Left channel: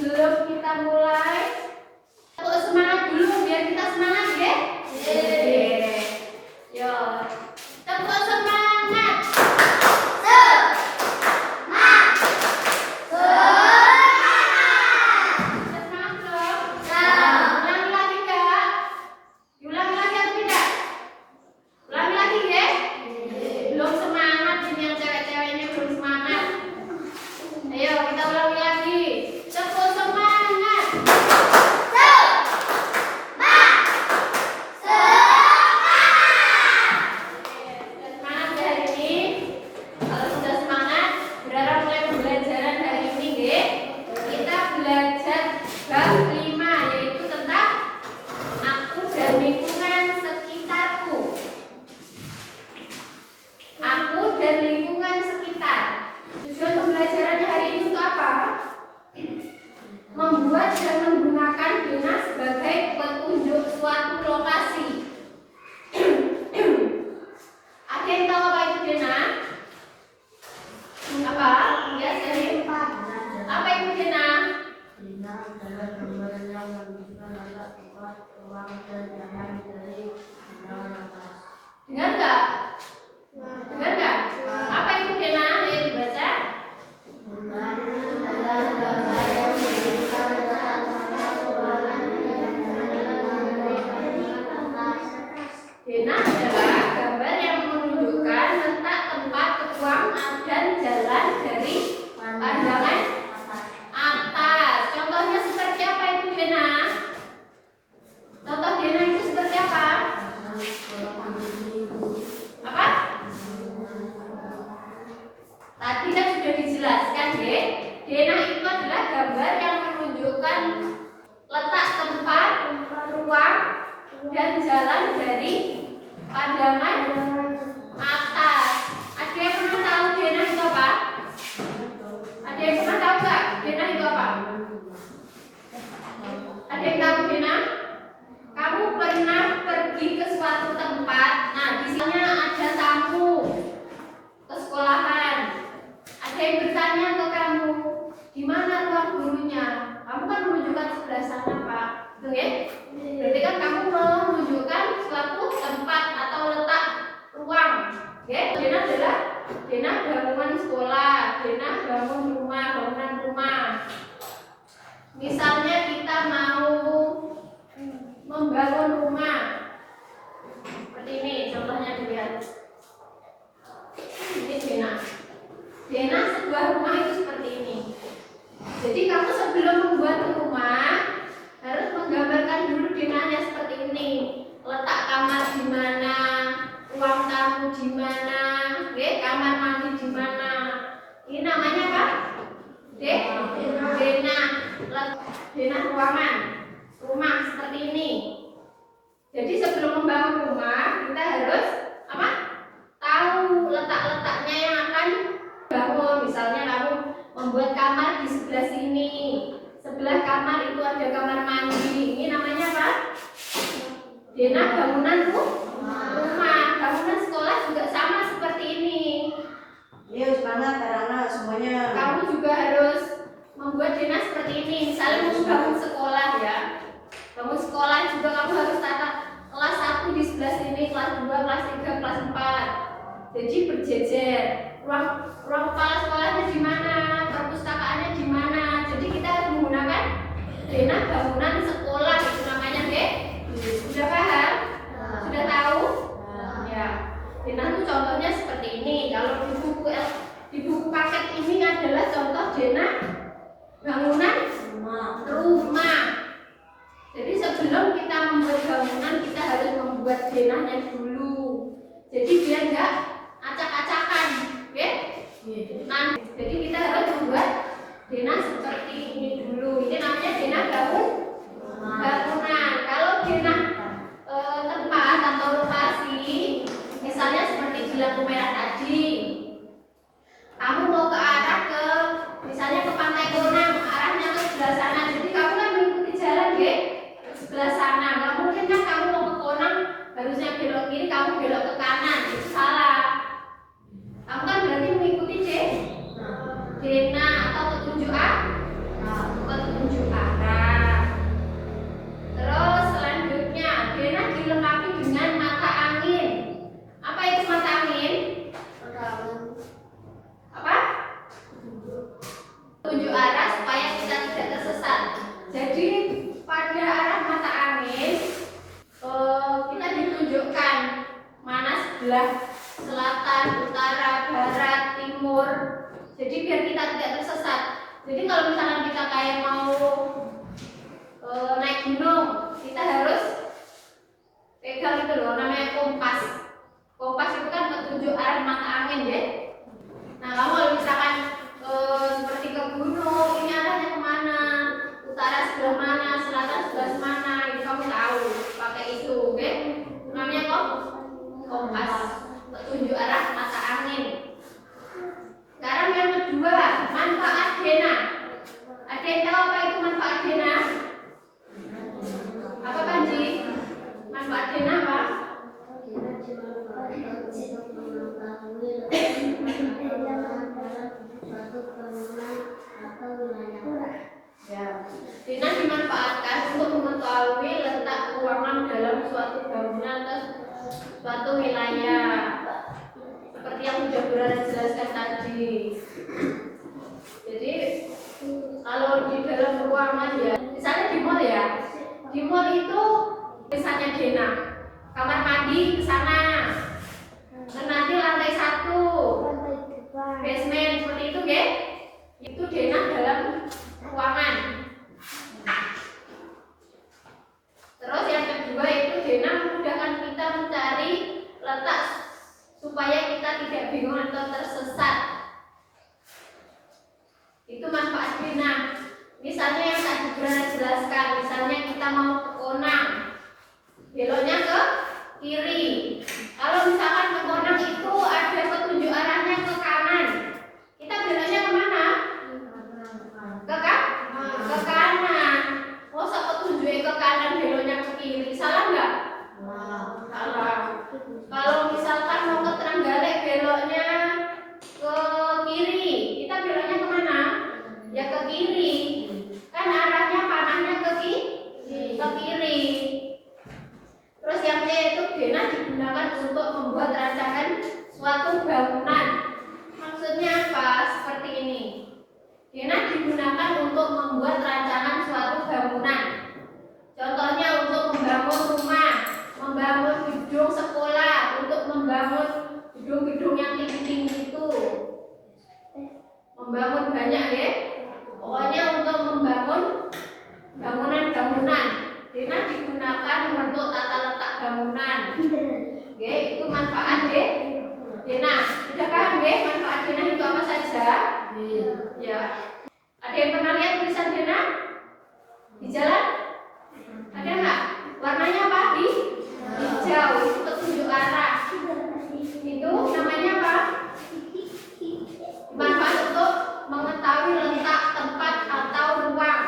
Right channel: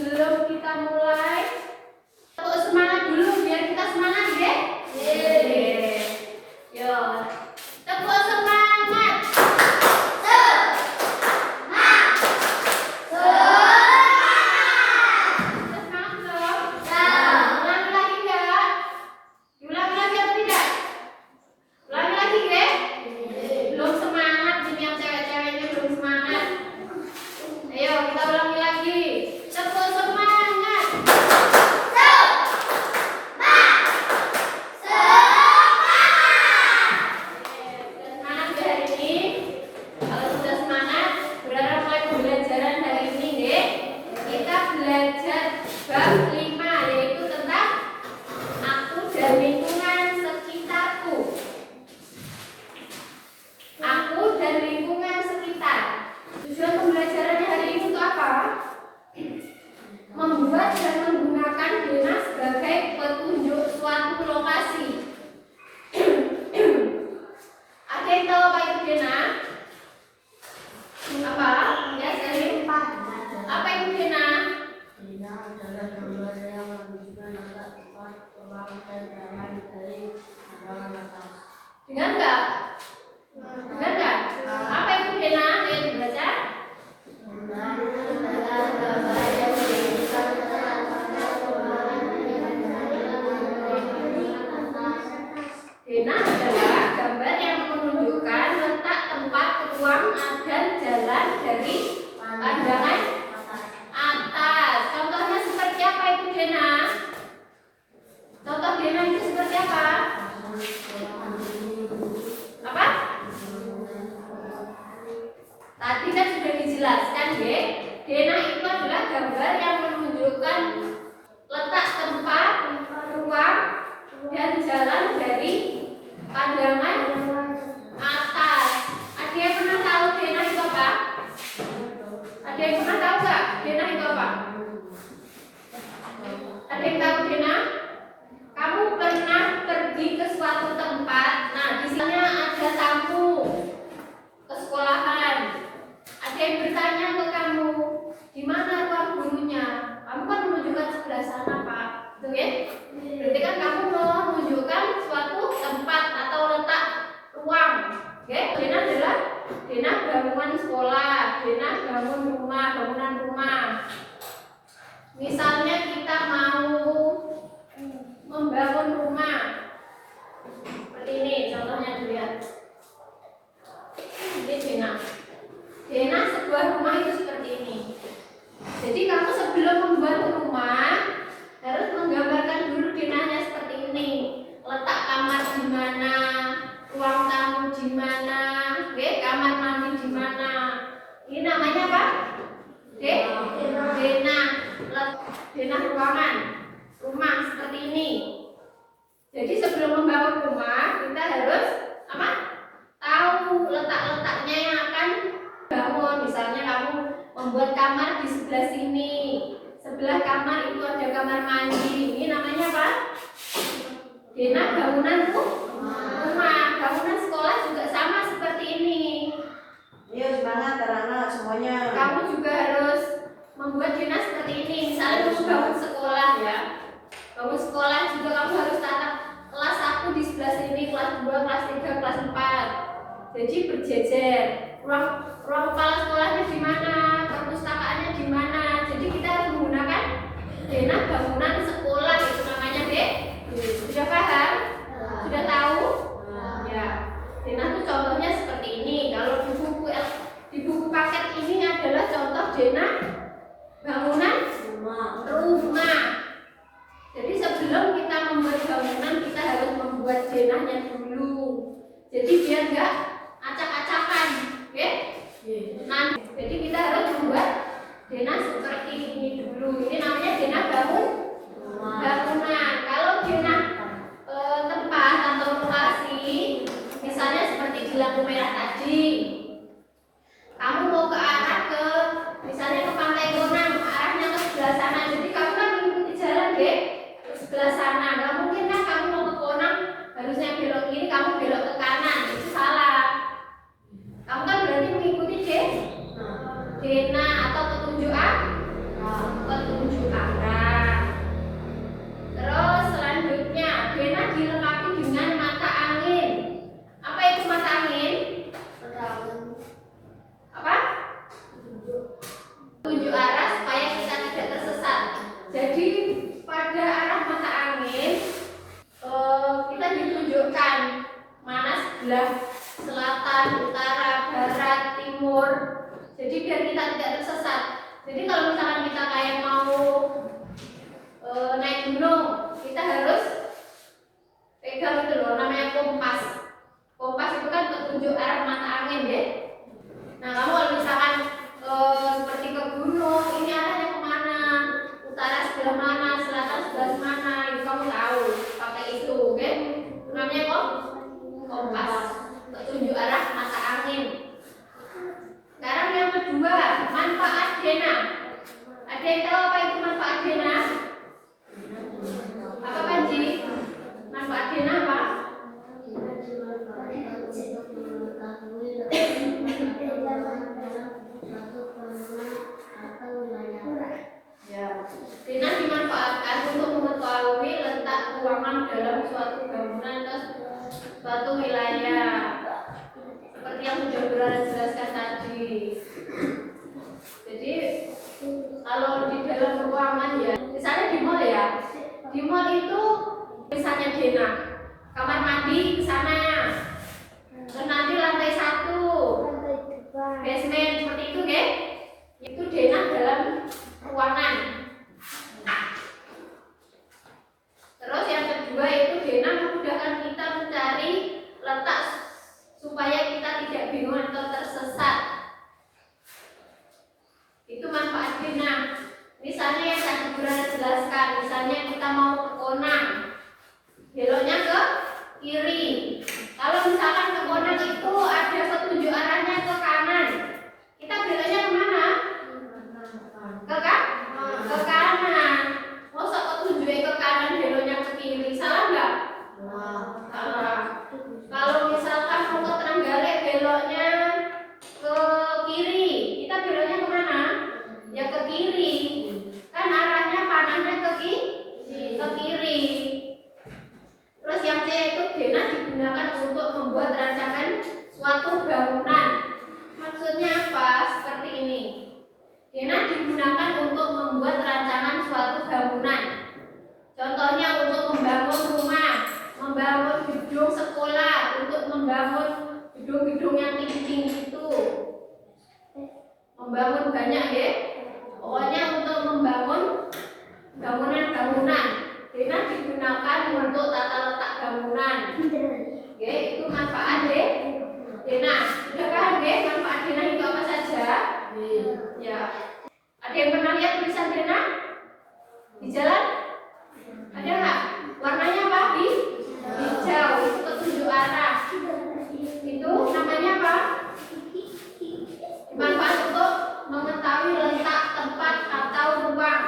sebelum kita mulai, semangat dulu biar kita semangat ya. Yo, tepuk semangat. Membuat dan menggunakan denah sebagai petunjuk suatu lokasi. Ada yang tahu apa itu denah? Apa? Ya, dari apa itu denah? Denah adalah gambar yang menunjukkan letak tempat, ruang, dan jalan dari bawah atas. Dengar nggak? Dengar nggak? Apa itu denah? Ayo dibaca. Denah adalah gambar yang menunjukkan letak tempat, ruang, dan jalan dari bawah atas. Denah adalah gambar yang menunjukkan letak tempat, ruang, dan jalan dari pandangan atas. Contohnya seperti apa itu denah? Contoh denah itu seperti apa? Apa? Tadi kan sudah dijelaskan ya. Denah itu adalah gambar yang menunjukkan letak tempat, ruang, dan jalan dari pandangan atas. Ada yang pernah tahu denah itu apa? Ada yang pernah tahu nggak denah itu apa? Ada yang tahu denah? Kamu pernah pergi ke suatu tempat. Nah, di sini ada tamu ke sekolahan. Ada yang bertanya ke kamu, di mana ruang gurunya? Kamu kan menunjukkan sebelah sana, Pak. Betul ya? Berarti kan kamu menunjukkan suatu tempat atau letak ruang. Oke? Denah adalah denah bangunan sekolah, denah bangun rumah, bangunan rumah. Misalnya kita mau membangun rumah seperti ini, contohnya dilihat. Ini denah. Denah sebuah rumah itu seperti ini. Jadi kamu sebelum membuat rumah harus menggambarkan dulu denahnya seperti ini. Letak kamar di mana, ruang tamu di mana, kamar mandi di mana. Ini namanya apa? Denah. Denah ruangan. Rumah seperti ini. Jadi sebelum membangun rumah kita harus apa? Tahu letak-letaknya yang akan bangun. Misalnya kamu membuat kamar di sebelah sini. Sebelah kamar itu ada kamar mandi. Ini namanya apa? Denah bangunan rumah. Bangunan sekolah juga sama seperti ini. Iya, semangat anak-anak semuanya. Kamu juga harus membuat denah seperti ini. Misalnya kamu bangun sekolah ya. Bangun sekolah juga kamu harus tata kelas 1 di sebelah sini, kelas 2, kelas 3, kelas 4. Jadi berjejer. Ruang kepala sekolahnya di mana, perpustakaannya di mana. Jadi kita harus menggunakan denah bangunan sekolah, itu namanya deh. Sudah paham? Sudah tahu? Ya. Denah itu contohnya seperti ini. Kalau di buku paket ini adalah contoh denah bangunan rumah. Jadi sebelum kita membuat bangunan kita harus membuat denahnya dulu. Jadi biar enggak acak-acakan, oke? Nah, jadi kita harus membuat denah seperti ini dulu. Ini namanya denah bangunan. Kalau denah tempat atau lokasi, misalnya seperti di lampu merah tadi, kamu mau ke arah misalnya ke Pantai Bonang, arahnya ke sebelah sana. Jadi kamu kan mengikuti jalan ke sebelah sana. Nggak mungkin kan kamu mau ke Bonang harusnya belok kiri, kamu belok ke kanan. Itu salah. itu, oke? Namanya kompas, petunjuk arah mata angin. Sekarang yang kedua, manfaat denah. Ada yang tahu apa itu manfaat denah? Apa Panji? Manfaat denah apa? Ya, denah dimanfaatkan untuk mengetahui letak ruangan dalam suatu bangunan atau suatu wilayah. Seperti yang sudah Burana jelaskan tadi. Jadi kalau di dalam ruangan ya, misalnya di mall ya, di mall itu misalnya denah, kamar mandi ke sana, dan nanti lantai 1, basement seperti itu, ke? Itu denah dalam ruangan. Terus yang kedua itu denah memudahkan kita mencari letak supaya kita tidak bingung atau tersesat. Itu manfaat denah. Misalnya yang tadi Burana jelaskan, misalnya kita mau ke Konang, beloknya ke kiri. Kalau misalkan ke Konang itu ada petunjuk arahnya ke kanan, kita beloknya kemana? Ke kanan. Masa petunjuknya ke kanan beloknya ke kiri, salah nggak? Salah. Kalau misalkan mau ke Trenggalek beloknya ke kiri, kita beloknya kemana? Ya ke kiri. Kan arahnya panahnya ke kiri. Terus yang C itu denah digunakan untuk membuat rancangan suatu bangunan. Maksudnya apa? Seperti ini. Denah digunakan untuk membuat rancangan suatu bangunan. Contohnya untuk membangun rumah, membangun gedung sekolah, untuk membangun gedung-gedung yang tinggi-tinggi itu. Membangun banyak ya. Pokoknya untuk membangun bangunan-bangunan. Denah digunakan untuk tata letak bangunan. Oke, itu manfaat ya. Denah. Sudah paham ya manfaat denah itu apa saja? Ya. Ada yang pernah lihat tulisan denah di jalan? Ada nggak? Warnanya apa? Hijau. Itu petunjuk arah. Itu namanya apa? Manfaat untuk mengetahui letak tempat atau ruang.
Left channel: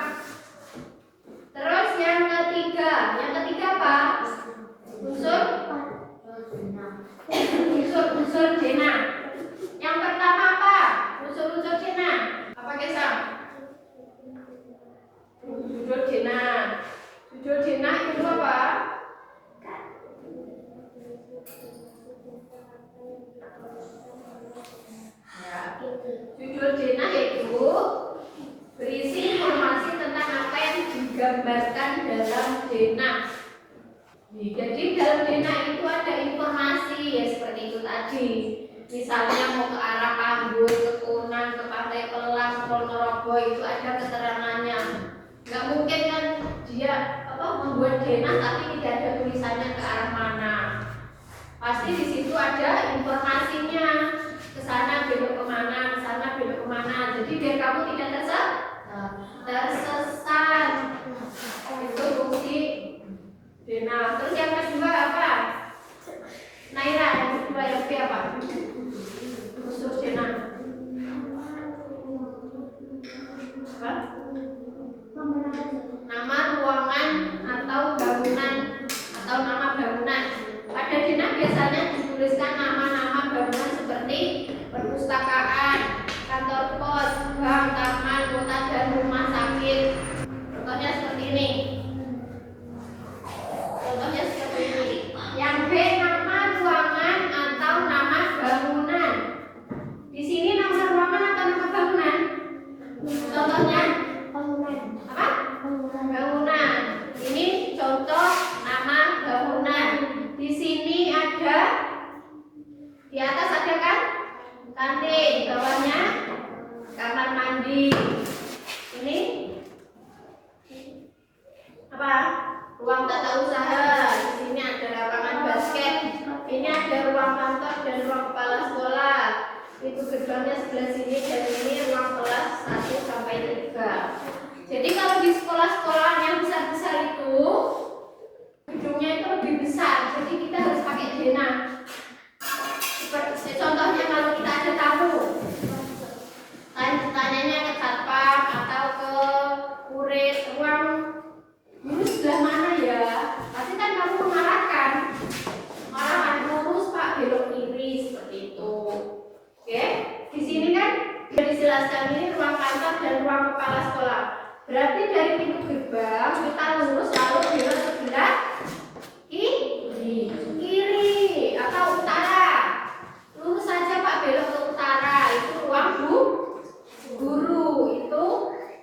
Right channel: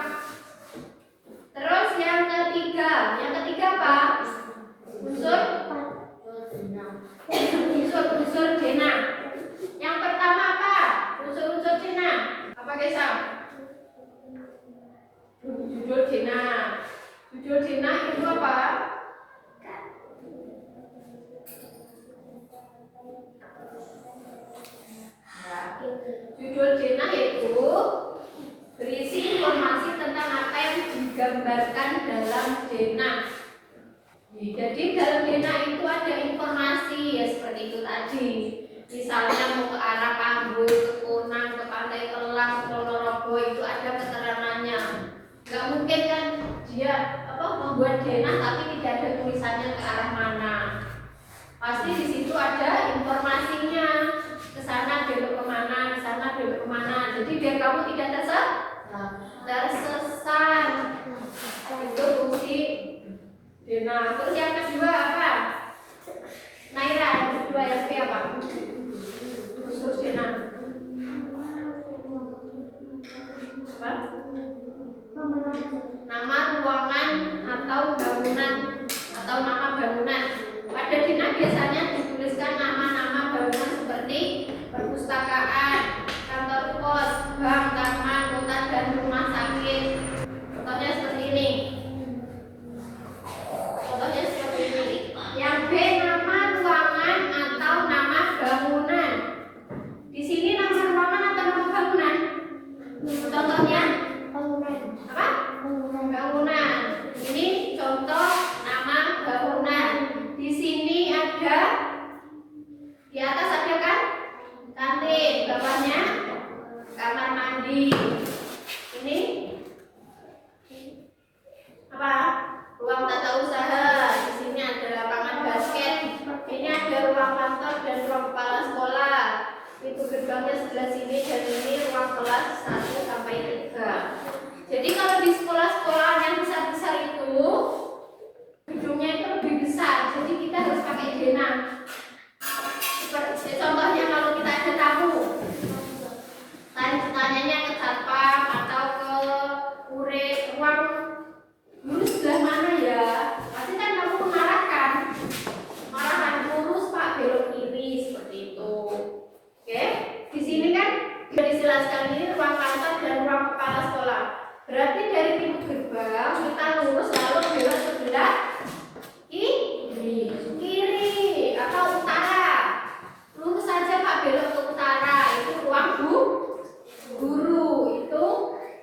Terus yang ketiga apa? Unsur denah. Yang pertama apa? Unsur denah. Apa Kesam? Judul denah. Judul denah itu apa? Judul denah yaitu berisi informasi tentang apa yang digambarkan dalam denah. Jadi dalam denah itu ada informasi ya seperti itu tadi. Misalnya mau ke arah Ambon, ke Konang, ke Pantai Kelang, Ponorogo itu ada keterangannya. Gak mungkin kan dia membuat denah tapi tidak ada tulisannya ke arah mana. Pasti di situ ada informasinya. Ke sana belok kemana, ke sana belok kemana. Jadi biar kamu tidak tersesat. Itu fungsi denah. Terus yang kedua apa? Naira, yang kedua yang B apa? Unsur denah. Apa? Nama ruangan atau bangunan atau nama bangunan. Pada denah biasanya dituliskan nama-nama bangunan seperti perpustakaan, kantor pos, bank, taman, kota, dan rumah sakit. Contohnya seperti ini. Yang B nama ruangan atau nama bangunan. Di sini nama ruangan atau nama bangunan? Contohnya apa? Bangunan. Ini contoh nama bangunan. Di sini ada, di atas ada kan? Kantin, bawahnya kamar mandi. Ini apa? Ruang tata usaha. Di sini ada lapangan basket. Ini ada ruang kantor dan ruang kepala sekolah. Itu gerbangnya sebelah sini dan ini ruang kelas 1 sampai 3. Jadi kalau di sekolah-sekolah yang besar-besar itu gedungnya itu Berarti dari pintu gerbang kita lurus lalu belok sebelah kiri atau utara. Lurus saja Pak, belok ke utara. Itu ruang guru. Itu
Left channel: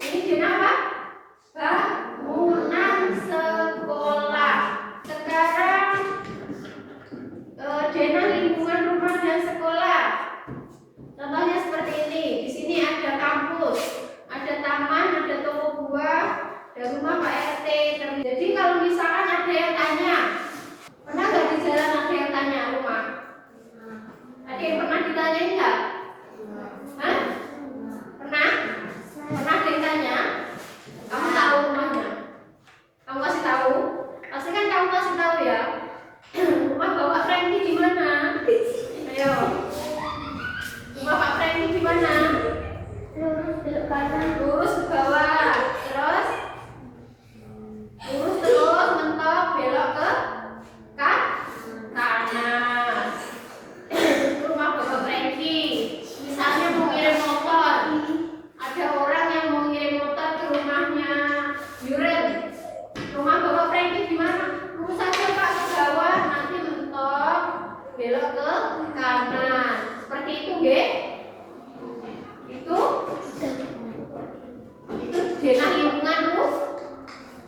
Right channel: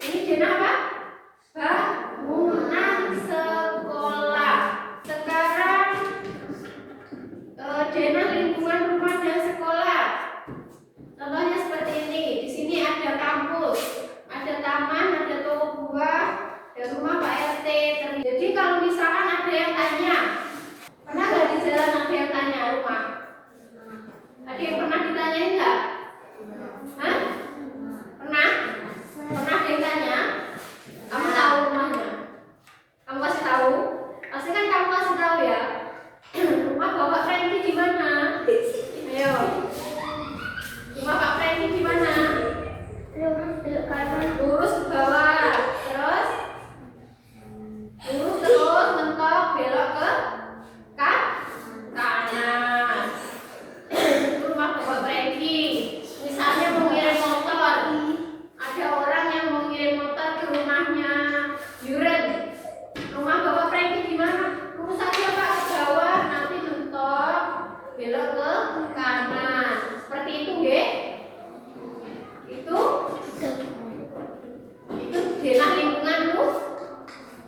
ini Dena apa? Bangunan sekolah. Sekarang Dena lingkungan rumah dan sekolah. Contohnya seperti ini. Di sini ada kampus, ada taman, ada toko buah, ada rumah Pak RT. Jadi kalau misalkan ada yang tanya, pernah nggak di jalan ada yang tanya rumah? Ada yang pernah ditanyain nggak? Hah? Pernah? Pernah ada yang tanya? Kamu tahu rumahnya? Kamu kasih tahu? Pasti kan kamu kasih tahu ya. Rumah Bapak Franky di mana? Ayo. Rumah Pak Franky di mana? Lurus belok kanan. Lurus ke bawah. Terus lurus terus mentok belok ke kanan. Rumah Bapak Franky. Misalnya mau ngirim motor. Ada orang yang mau ngirim motor ke rumahnya Yuren. Rumah Bapak Franky di mana? Lurus saja Pak ke bawah, nanti mentok belok ke kanan. Seperti itu, nggih? Itu denah lingkungan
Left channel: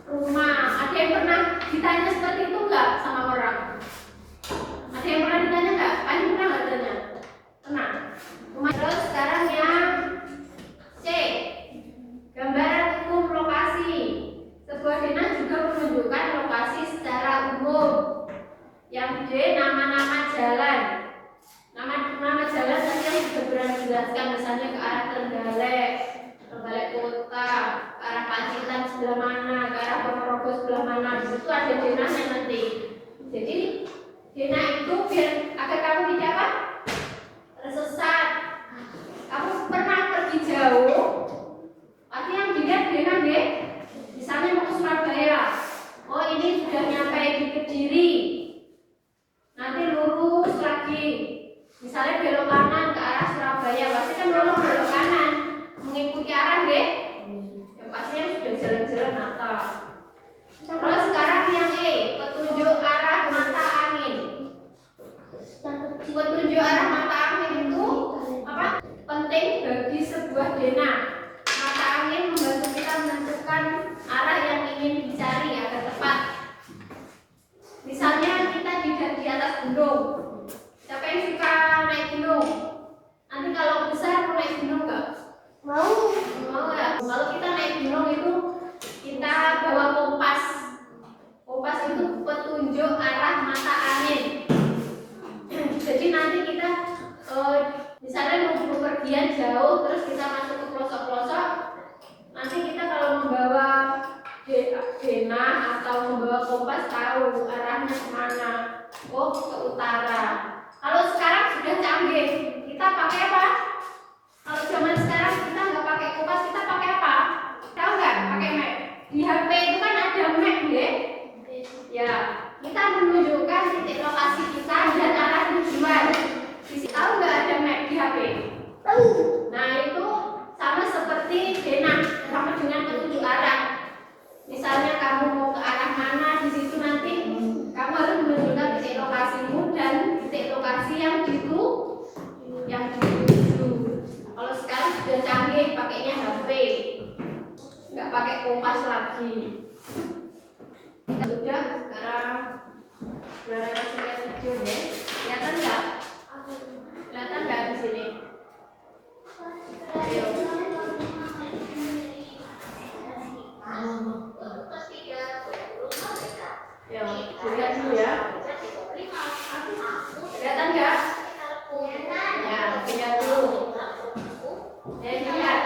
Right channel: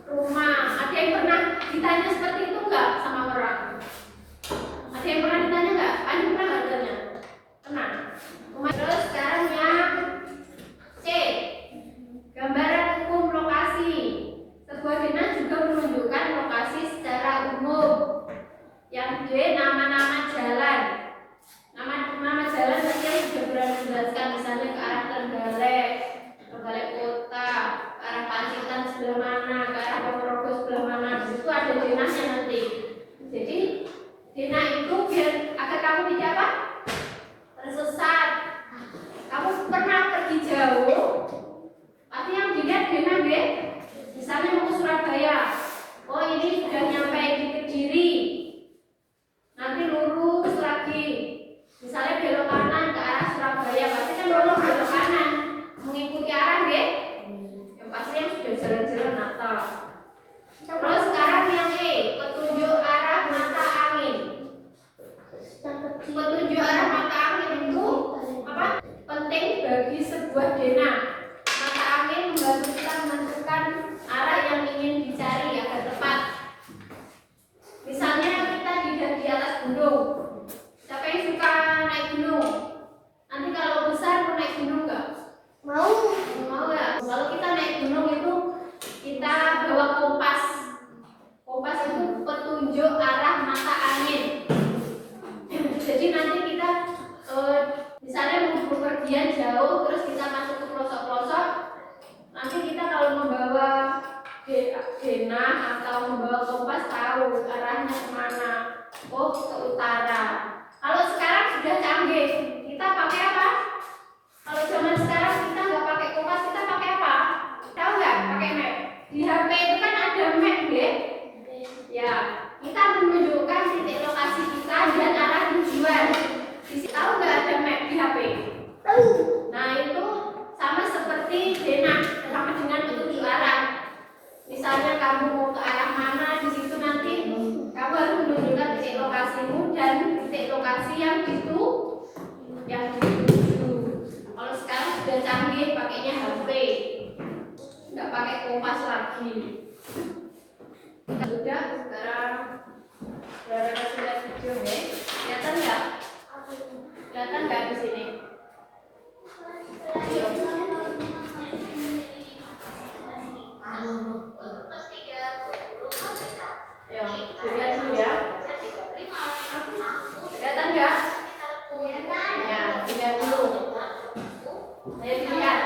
rumah. Ada yang pernah ditanya seperti itu enggak sama orang? Ada yang pernah ditanya enggak? Ada pernah enggak ditanya? Pernah. Terus sekarang yang C, gambaran hukum lokasi. Sebuah denah juga menunjukkan lokasi secara umum. Yang D, nama-nama jalan. Nama jalan tadi yang sudah berani menjelaskan, misalnya ke arah Trenggalek Kota, ke arah Pacitan sebelah mana, ke arah Ponorogo sebelah mana. Di situ ada denahnya nanti. Jadi denah itu biar agar kamu tidak apa? Tersesat. Kamu pernah pergi jauh, pasti yang dilihat denah nggih. Misalnya mau ke Surabaya, oh ini sudah nyampe di Kediri, nanti lurus lagi. Misalnya belok kanan ke arah Surabaya, pasti kan belok kanan, mengikuti arah nggih. Yang pasti yang sudah jalan-jalan atau. Terus sekarang yang E, petunjuk arah mata angin. Petunjuk arah mata angin itu apa? Penting bagi sebuah denah. Mata angin membantu kita menentukan arah yang ingin dicari agar tepat. Misalnya kita di atas gunung. Siapa yang suka naik gunung? Nanti kalau besar mau naik gunung nggak? Mau ya. Kalau kita naik gunung itu kita bawa kompas. Kompas itu petunjuk arah mata angin. Jadi nanti kita misalnya mau bepergian jauh, terus kita masuk ke pelosok-pelosok. Nanti kita kalau membawa denah atau membawa kompas tahu arahnya kemana. Oh, ke utara. Kalau sekarang sudah canggih, kita pakai apa? Kalau zaman sekarang kita nggak pakai kompas, kita pakai apa? Tahu nggak? Pakai map. Di HP itu kan ada map, nggih? Ya, kita menunjukkan titik lokasi kita dan arah tujuan. Tahu nggak ada map di HP? Tahu. Nah itu sama seperti denah, sama dengan petunjuk arah. Misalnya kamu mau ke arah mana, di situ nanti kamu harus menunjukkan titik lokasimu dan titik lokasi yang dituju. Kalau sekarang sudah canggih, pakainya HP, nggak pakai kompas lagi. Kita sudah sekarang berada kasih lihat video ya. Kelihatan nggak? Kelihatan nggak di sini? Ayo. Yo, dilihat dulu ya. Kelihatan nggak? Ya, dilihat dulu. Ayo dilihat.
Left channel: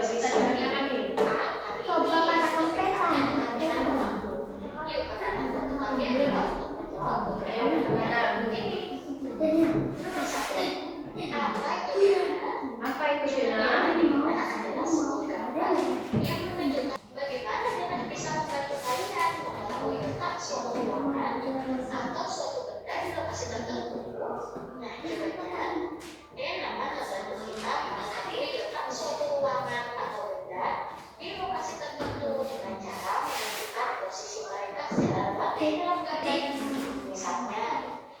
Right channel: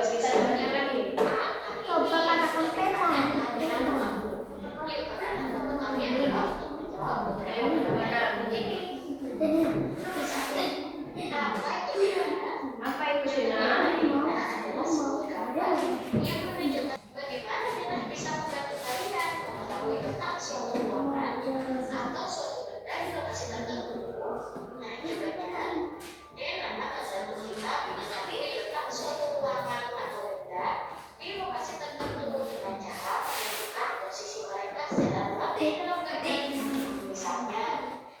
bisa gimana nih? Coba katakan peta. Apa itu Dena? Bagaimana Dena bisa membantu kalian mengetahui tentang suatu ruangan atau suatu benda di lokasi tertentu? Nah, ini benar. Dena membantu kita mengenali tentang suatu ruangan atau benda di lokasi tertentu dengan cara menentukan posisi mereka secara rapi dalam gambar. Misalnya,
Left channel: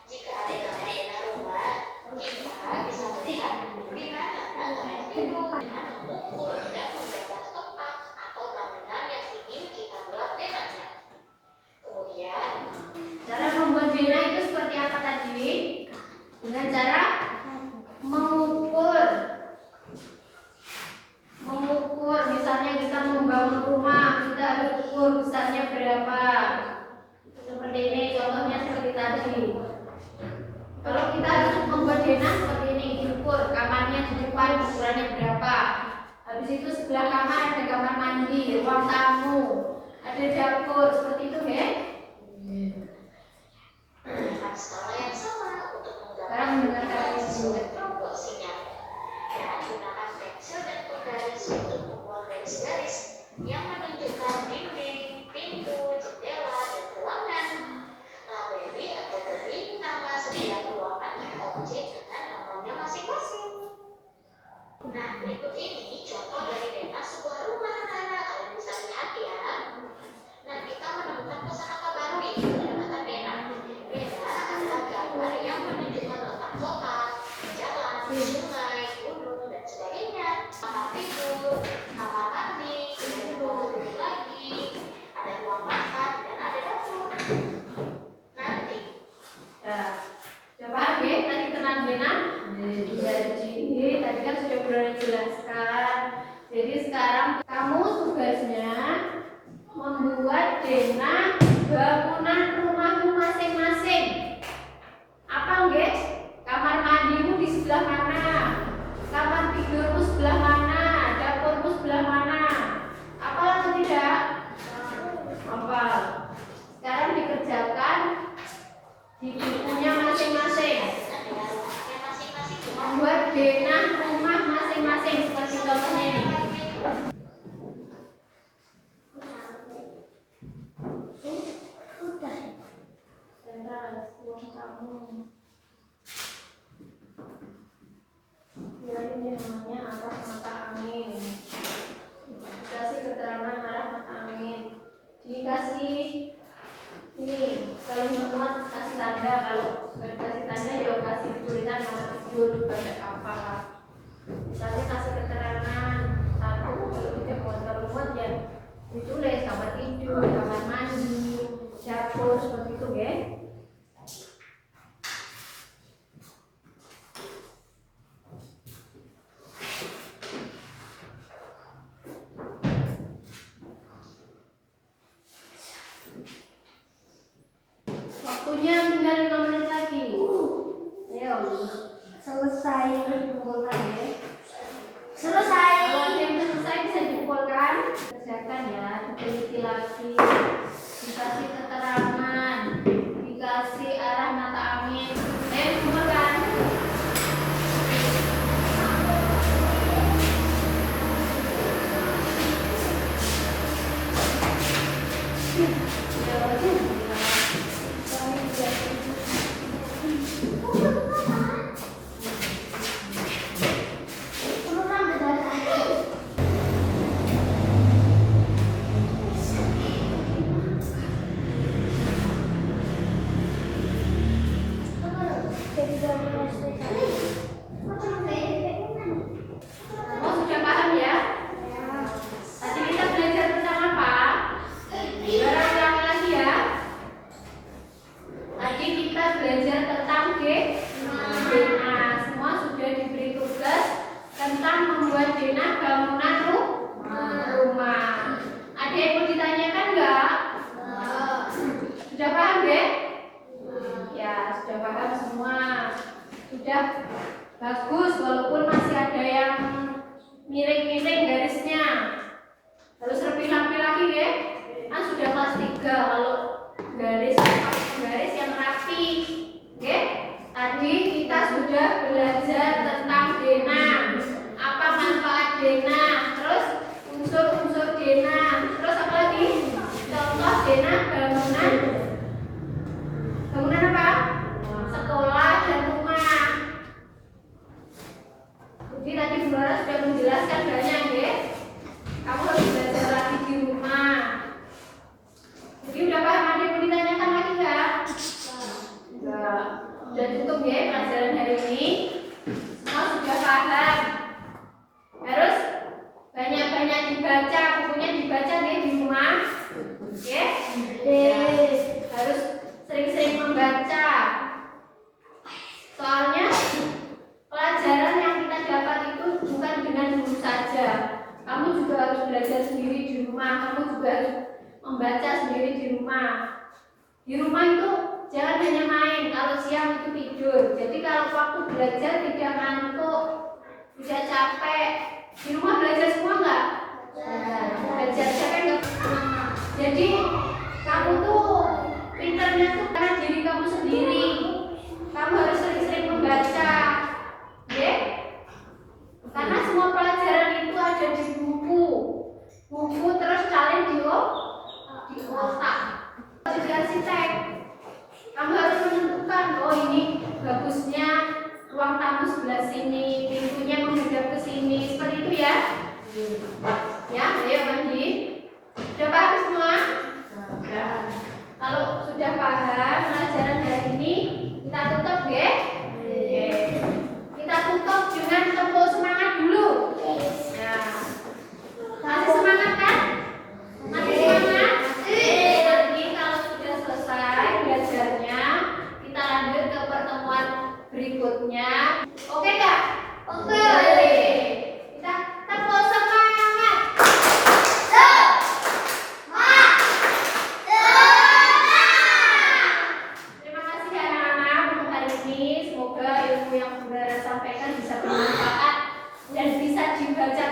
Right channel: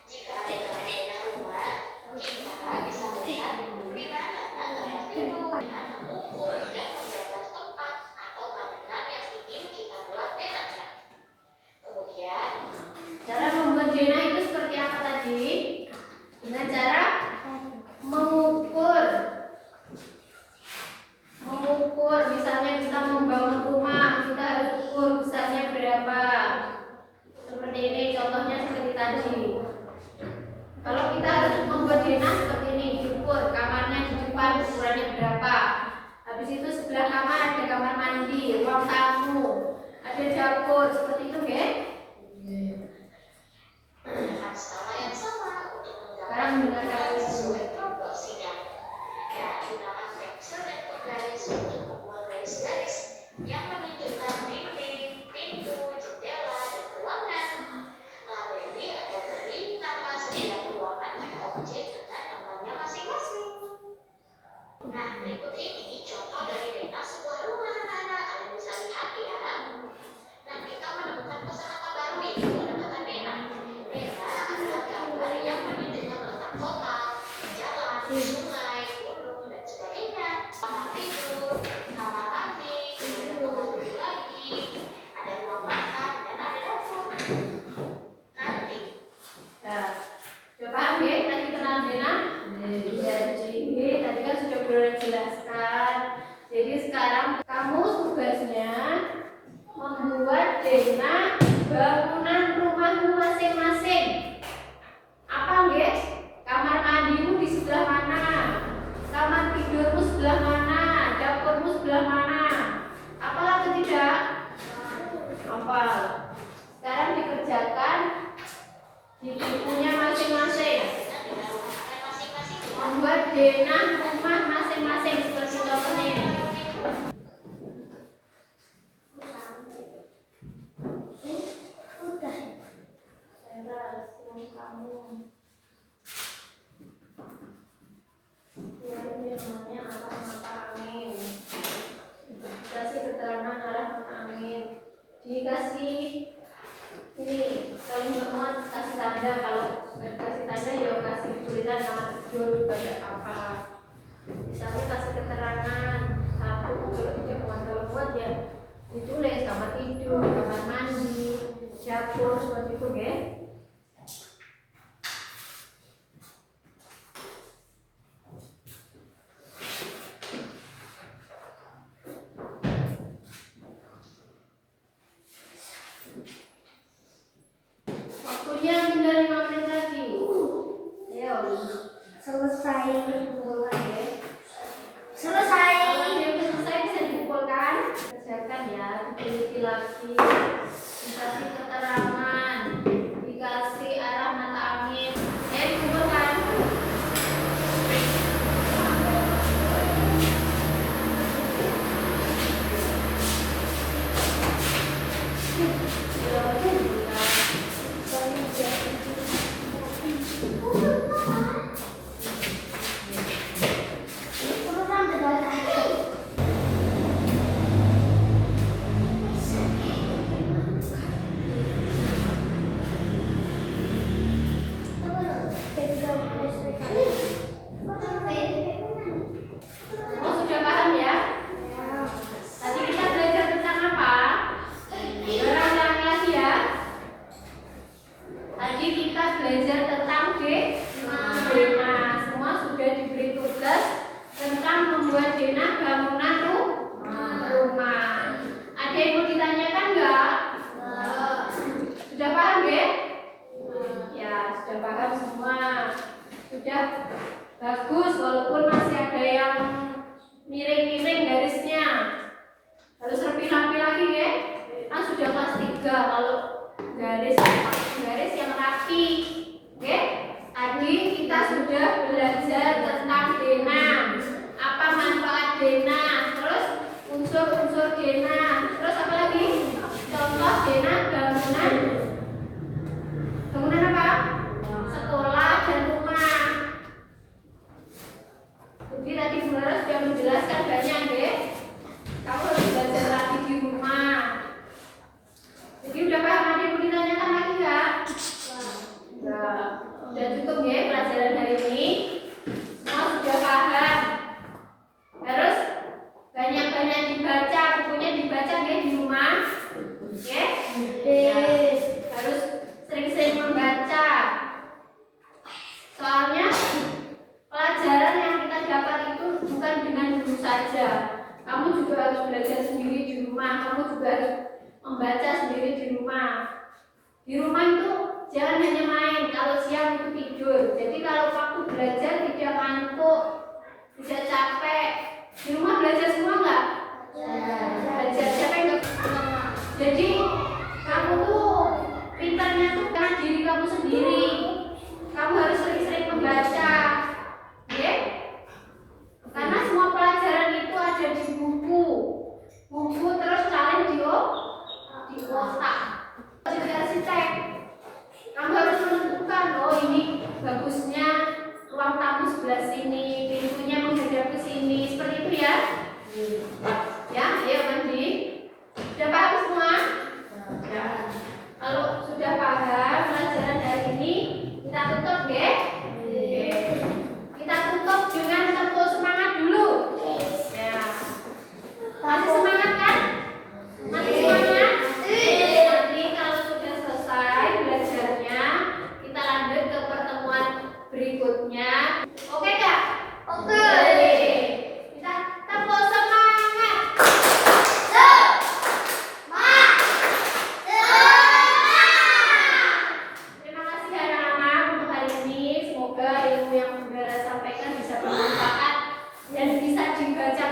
jika ada tanda rumah, kita bisa melihat di mana tanda tidur, mengukur dan menjaga tempat atau tanaman yang ingin kita buat denahnya. Kemudian, Cara membuat Dena itu seperti apa tadi? Dengan cara mengukur. Misalnya kita membangun rumah, kita harus ukur besarnya berapa. Seperti ini, contohnya seperti tadi. Kalau kita harus membuat Dena seperti ini, diukur kamarnya di depan ukurannya berapa. Habis itu sebelah kamar ada kamar mandi, ruang tamu, ada dapur, seperti itu ya. gunakan skala yang sama untuk Sekarang mendengarkan sesuai proporsinya. Dan gunakan pensil dan penggaris untuk membuat garis-garis yang menunjukkan dinding, pintu, jendela, dan ruangan. Labeli atau beri nama setiap ruangan atau objek dengan namanya masing-masing. Nah, berikut ini contoh dari Dena sebuah rumah anak-anak. Kalian bisa lihat ya. Nah, kita menemukan kosakata baru yaitu kata Dena. Dena adalah gambar yang menunjukkan letak kota, jalan, sungai, gunung, dan sebagainya. Kamar tidur, kamar mandi, ada kamar tidur lagi, ada ruang makan, dan ada dapur. Nanti, Nah, sudah paham ya tadi tentang Dena? Jadi tadi kan sudah Bro jelaskan. Jadi sekarang kamu tugasnya membuat Dena bangunan rumahmu masing-masing. Apa guys? Kamar mandimu di sebelah mana? Kamar tidurmu sebelah mana? Dapurmu sebelah mana? Apa atau tidak? Hafal. Sekarang dikerjakan di bukunya masing-masing. dengan rumahnya masing-masing. Membuat Dena rumah masing-masing seperti contohnya. Udah. Teras, ruang tamu. Ya, ini namanya arah mata angin. Dikasih keterangan arah mata angin. Dikasih ini kalimat kasih tanda, kalau nggak kasih tanda ya kasih tulisan nama tidur kayak apa. Misalnya kasih keterangan satu, kalau tidak muat ya ditulis kamar tidur, kamar mandi, dapur, seperti itu ya. Waktunya tinggal 5 menit lagi. Ayo, Selesai. kumpulkan ya. Selesai. Kalau ada yang selesai bisa dikumpulkan. Kerjakan ya, diteliti lagi. Dikasih keterangan, dikasih arah mata angin. Kumpulkan. Kamu sudah paham ya? Tadi kita belajar tentang apa? Ulang lagi ya. Tadi kita belajar tentang Dena. Semua sudah diberi tugas tentang membuat Dena bangunan rumah. Ada yang mau ditanyakan nggak? Sudah paham deh? Ya, sudah paham semua. Sudah bagus, walaupun masih ada yang miring-miring garisnya. sudah kelas 3 kalau garis yang rapi. Oke? Tadi kita sudah belajar tentang denah. Apa manfaat denah? Terus unsur-unsur denah. Terus apa lagi? Contoh denah bangunan. Bangunan apa? Sekolah dan rumah. Jadi tadi Bu Lara sudah menjelaskan banyak ya. Kamu harus belajar lagi di rumah. Jadi udah paham, ada yang mau ditanyakan lagi nggak? Enggak. Udah cukup ya pelajaran hari ini. Semua sudah paham. Harus banyak-banyak dibaca, bukunya dibaca ya di rumah. Oke? Harus sering-sering membaca. Soalnya pelajaran yang kita dapat itu bukan dengan guru saja. Kamu juga harus belajar sendiri di rumah. Kamu juga harus membaca sendiri di rumah. Di rumah itu jangan hanya main. Kalau siang itu tidur. Jadi kalau waktu belajar tidak ngantuk, tidak capek. Di rumah belajar semua nggak? Belajar capek nggak? Jadi kamu tuh pintarnya tuh karena diri kamu sendiri. Kamu harus sering-sering membaca. Oke? Karena semua pelajaran itu ada di buku. Buku terus salin di otak. Jadi arsitek, kamu harus menentukan, oh ini bagusnya ruang tamu sebelah sini, pintunya menghadap ke sini, seperti itu ya. Ya, ayo Mandi. Sudah paham semua? Ya. Kalau sudah paham pelajaran hari ini, kita tutup ya. Kita tutup dengan tepuk semangat dulu. Ya. Masih semangat kan? Masih semangat? Nanti kalau sudah selesai belajarnya, kita lanjut ke pertemuan berikutnya. Oke nggak? Oke. Kita tepuk semangat. Terima kasih anak-anak untuk hari ini. Semoga ilmu yang Saudara sampaikan bisa bermanfaat dan bisa dibaca